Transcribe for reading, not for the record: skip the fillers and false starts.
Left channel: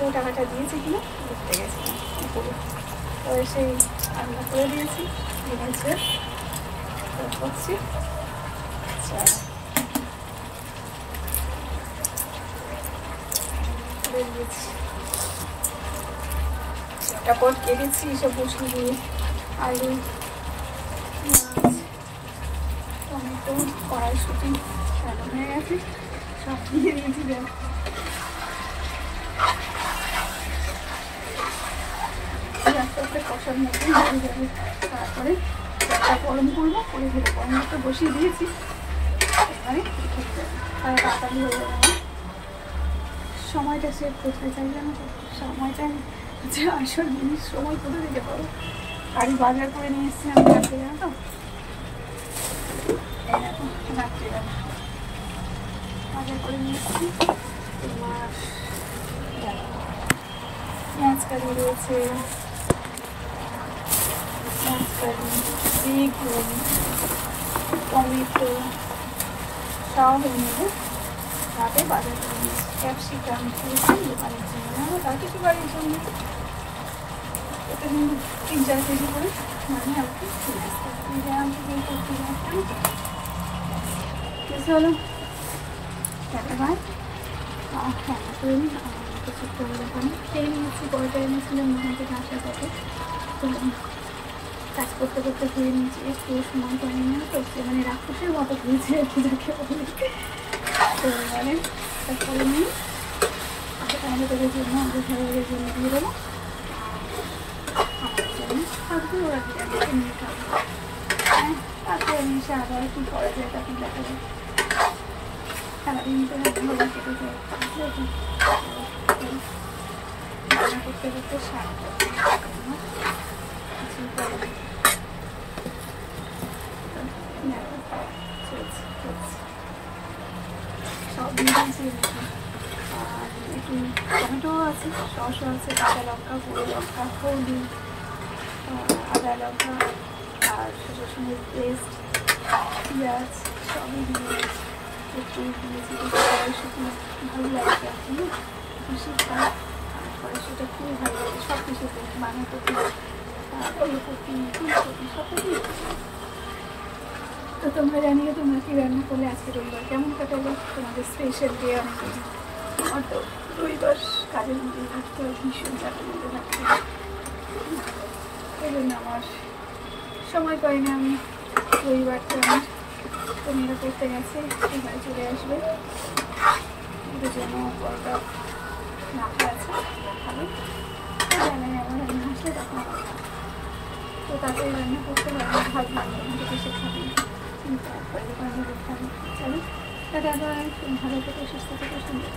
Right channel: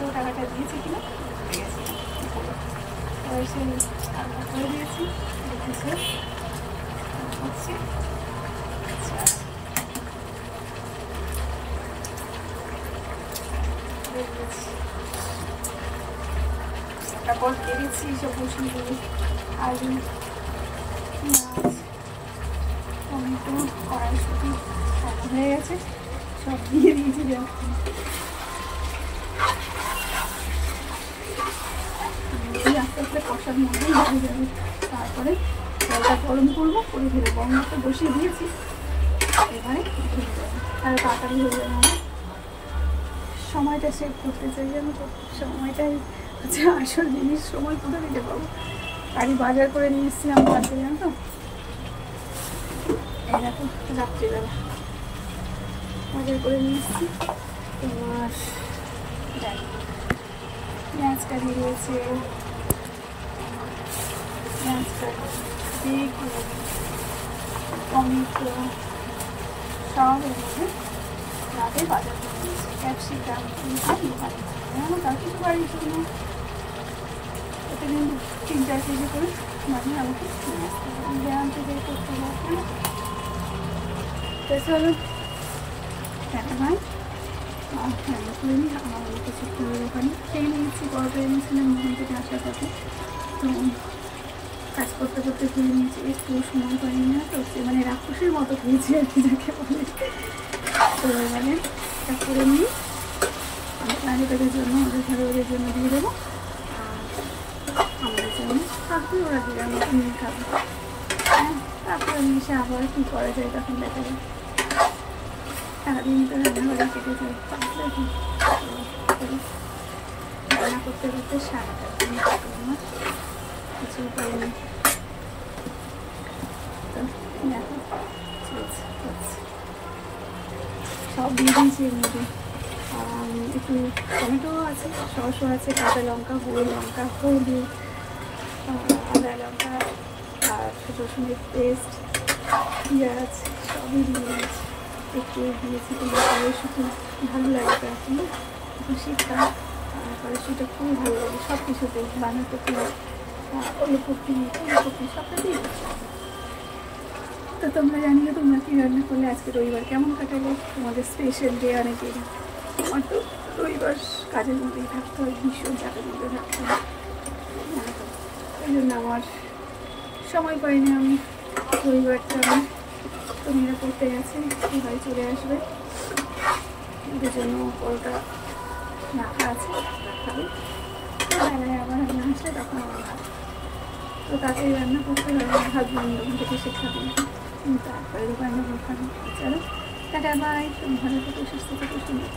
ব্যাংকেও টাকাটা দিয়েছি কিনা দেখতে গেছি উপরে। এবার সেই রান্না করে দিয়েছি, দিয়েছে করছি। আচ্ছা বেরিয়েছি, তারপর কেটেছি সব বসিয়ে দিয়ে আলু, মাছ, টমেটো, কড়াইশুঁটি হয়ে গেছে, সব দিয়ে দিয়েছি। আস্তে আস্তে কষার মধ্যেই হয়ে যাবে। তারপরে জলটা গরম করবো, করে দেবো। গরমটা বসিয়ে দিয়েছি, এবারে ঢুকে যাবে, তাহলে তাড়াতাড়ি হয়ে যাবে। আমার সময়টা সেভ করতে চাই, আমি সব সময়টা হচ্ছে আসল জিনিস। সময় কোথা থেকে পাবো? গাড়ি বাজার করে নিয়ে এসেছি আমি রাত্রে, জানো তো। এই দেখো রাত্রিবেলা বাজার করে নিয়ে এসেছি। তোমার পেঁয়াজ কারি রয়েছে, পেঁয়াজ কারি, বেগুন, টমেটো সব এনে তাকে বাজার করে নিয়েছি। ক্যাপসিকাম দোকানের জন্য, তার কিছু বাড়ির জন্য এখানে 3-4 কেজি করে মানে আমাকে কিনে আসতে হবে। গ্রাম থেকে করতে হবে না তো। চলো টাকা ভাই হ্যাঁ করে নিই। আর আমাকে ছোট্ট দোকানে খেয়ে নিয়েছি, পরোটা এনেছিলাম ওখান থেকে আসার পথে। তো কাজ করতে করতে ধুয়ে নিয়েছি, একটু সময় পাইনি না তো, সে মানে রাক্ষসের মতো ধুয়েছি আর কি, যাকে বলে। তো মানে তারপরে নিয়ে আমাদের তোদের জন্য, আমাদের ঘরের জন্য দিয়ে দেবো, আর আমাদের জন্য থাকবে, ওরা দিলে আমাকে নিয়ে খাবো। হ্যাঁ, তারপরে আমি এসে আবার কী করা যায় তখন দেখা যায়। সারাদিন তো রান্নাঘরে কেটে যায়, রান্না করতে করতে সারাটা দিন আমার কিছু পাইনি। সব দিয়ে দিয়েছি এর মধ্যে। একটু টমেটো আছে, সসও আছে, কাঁচা লঙ্কা, গুঁড়ো লঙ্কা, হলুদ, আদা লঙ্কা আর রসুনের পেস্ট, পেঁয়াজ সবই দিয়ে দিয়েছি। একটু দিয়েছি কিন্তু কড়াইশুঁটি ভালো লাগে তো এখন, এখন শীতকাল কড়াইশুঁটিটা খুবই ভালো লাগে সব কিছুতে, বাঁধাকপি, ওলকপি, ফুলকপি সবটা দিয়ে দিয়েছি। তো তোমরা জানিও তোমরা কী রান্না করলে, আজকে রবিবার কেমন কাটালে, তোমাদের স্পেশাল ডে অনেকের। আমার তো রবিবার কাজের মধ্যেই থাকতে হয়, ভীষণ চাপের মধ্যে থাকতে হয়, ওই জন্য আমার সময় পাই না। আমি রবিবারটা আমি তো মেয়েরা পড়তে গেছে, এবারে চলে আসবে, ওদের জন্য পরোটা রাখা আছে, খাবে। তো বেলায় আবার আমি আসলে তখন আবার খাবো। তো তাড়াতাড়ি রান্না করতে হয়, আমার হাজব্যান্ড ওখান থেকে এসে খাবে, তাড়াতাড়ি রান্না করে খাবে। চলো টাটা বাই, ভালো থেকে সুস্থ থেকে সুন্দর।